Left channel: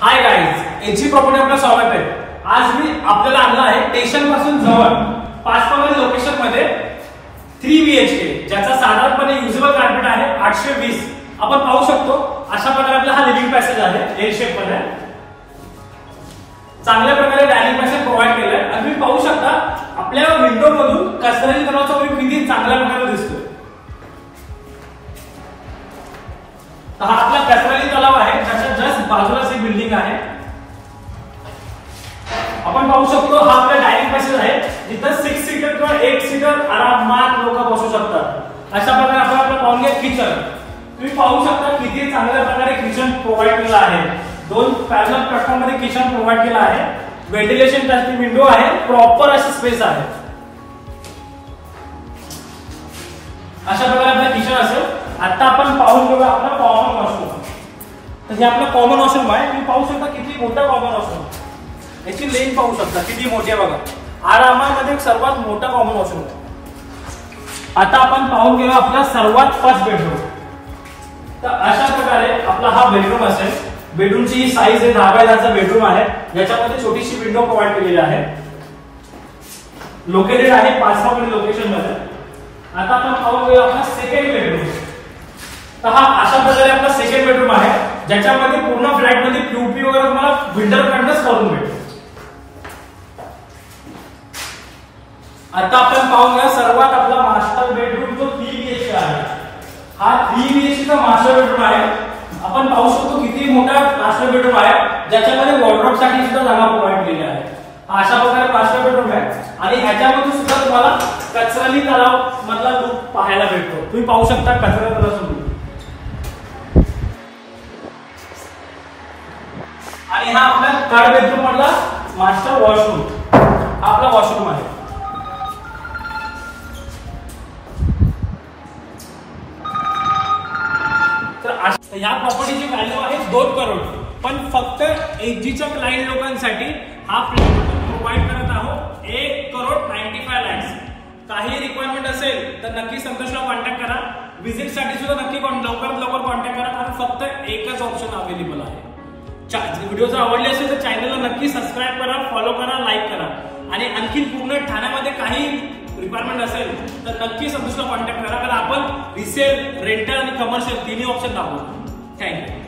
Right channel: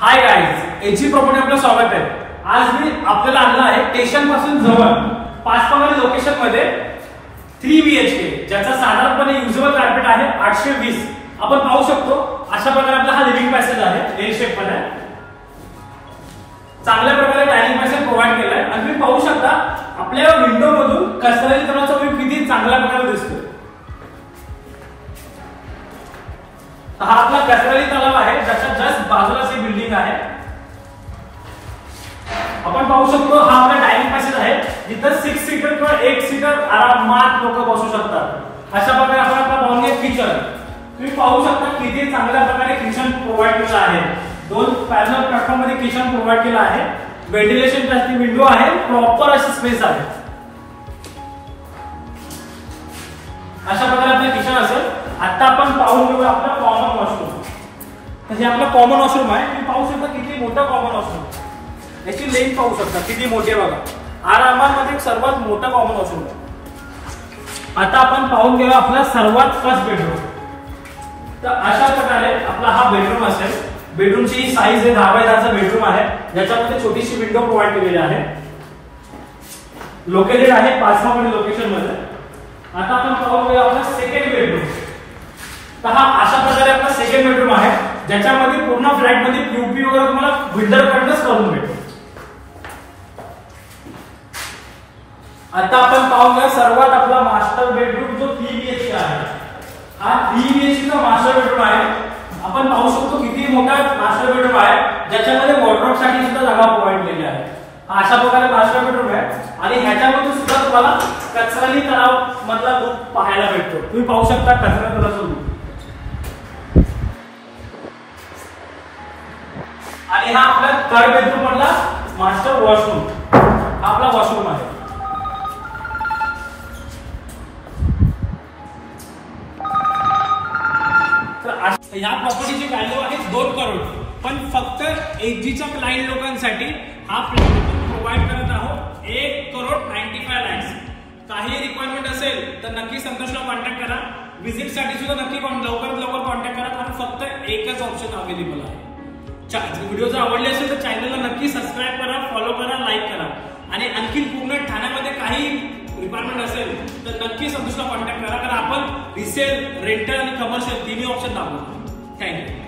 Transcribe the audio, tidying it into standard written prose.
Hi guys, ag property आपलं स्वागत आहे। आज मी आपल्याला आणलं आहे स्टेशन पासून जवळ 5 लोकेशन मध्ये 3 BHK ज्याचा साधारणपणे युजेबल कार्पेट आहे 820। आपण पाहू शकतो अशा प्रकारे आपला हा लिव्हिंग पॅसेज आहे एल शेप मध्ये। चांगल्या प्रकारे डायनिंग पॅसेज प्रोव्हाइड केलाय आणि तुम्ही पाहू शकता आपल्या विंडो मधून कसरती तलावाचा व्ह्यू किती चांगल्या प्रकारे दिसतो। हा आपला कसरती तलाव आहे ज्याच्या जस्ट बाजूलाच ही बिल्डिंग आहे। आपण पाहू शकतो हा आपला डायनिंग पॅसेज आहे जिथे 6 सीटर किंवा 8 सीटर आरामात लोक बसू शकतात। अशा प्रकारे आपण आपला पाहून घ्या किचन। तुम्ही पाहू शकता किती चांगल्या प्रकारे किचन प्रोव्हाइड केलं आहे। 2 पॅरलल प्लॅटफॉर्म मध्ये किचन प्रोव्हाइड केलं आहे। व्हेंटिलेशन साठी विंडो आहे, प्रॉपर अशी स्पेस आहे। अशा प्रकारे आपलं किचन असेल। आता आपण पाहून घेऊ आपला कॉमन वॉशरूम। तर हे आपलं कॉमन वॉशरूम आहे। तुम्ही पाहू शकता किती मोठं कॉमन वॉशरूम, याची लेंथ पाहू शकता किती मोठी आहे बघा। आरामामध्ये एक सर्वात मोठं कॉमन वॉशरूम आहे। आता आपण पाहून घेऊ आपला सर्वात फर्स्ट बेडरूम। तर अशा प्रकारे आपला हा बेडरूम असेल। बेडरूमची साईज आहे 10 बाय 10 बेडरूम आहे, ज्याच्यामध्ये छोटीशी विंडो प्रोव्हाइड केलेली आहे। लोकेटेड आहे 5 लोकेशन मध्ये। आता आपण पाहू घेऊ आपला सेकंड बेडरूम। तर हा अशा प्रकारे आपला सेकंड बेडरूम आहे, ज्याच्यामध्ये पूर्ण फ्लॅट मध्ये पीओपी वगैरे तुम्हाला बिल्डर कडूनच करून भेटेल। आता आपण पाहून घेऊ सर्वात आपला मास्टर बेडरूम जो 3 BHK आहे। हा 3 BHK चा मास्टर बेडरूम आहे। आपण पाहू शकतो किती मोठा मास्टर बेडरूम आहे, ज्याच्यामध्ये वॉर्डरोब साठी सुद्धा जागा प्रोव्हाइड केली आहे। अशा प्रकारे मास्टर बेडरूम आहे आणि ह्याच्यामध्ये सुद्धा तुम्हाला कचराली तलाव मधला लुक पाहायला भेटतो। तुम्ही पाहू शकता कचरा तलावाचा लुक। आणि हा आपला थर्ड बेडरूम मधला मास्टर वॉशरूम, हा आपला वॉशरूम आहे। तर या प्रॉपर्टीची व्हॅल्यू आहे 2 करोड, पण फक्त एजीच्या क्लायंट लोकांसाठी हा फ्लॅट प्रोव्हाइड करत आहोत 1,95,00,000। काही रिक्वायरमेंट असेल तर नक्की संतोषला कॉन्टॅक्ट करा। व्हिजिट साठी सुद्धा नक्की लवकरात लवकर कॉन्टॅक्ट करा, कारण फक्त एकच ऑप्शन अवेलेबल आहे। व्हिडिओ जर आवडले असेल तर चॅनलला नक्की सबस्क्राईब करा, फॉलो करा, लाईक करा। आणि आणखी पूर्ण ठाण्यामध्ये काही रिक्वायरमेंट असेल तर नक्की संतोषला कॉन्टॅक्ट करा, कारण आपण रिसेल, रेंटल आणि कमर्शियल 3 ऑप्शन दाखवतो। थँक्यू।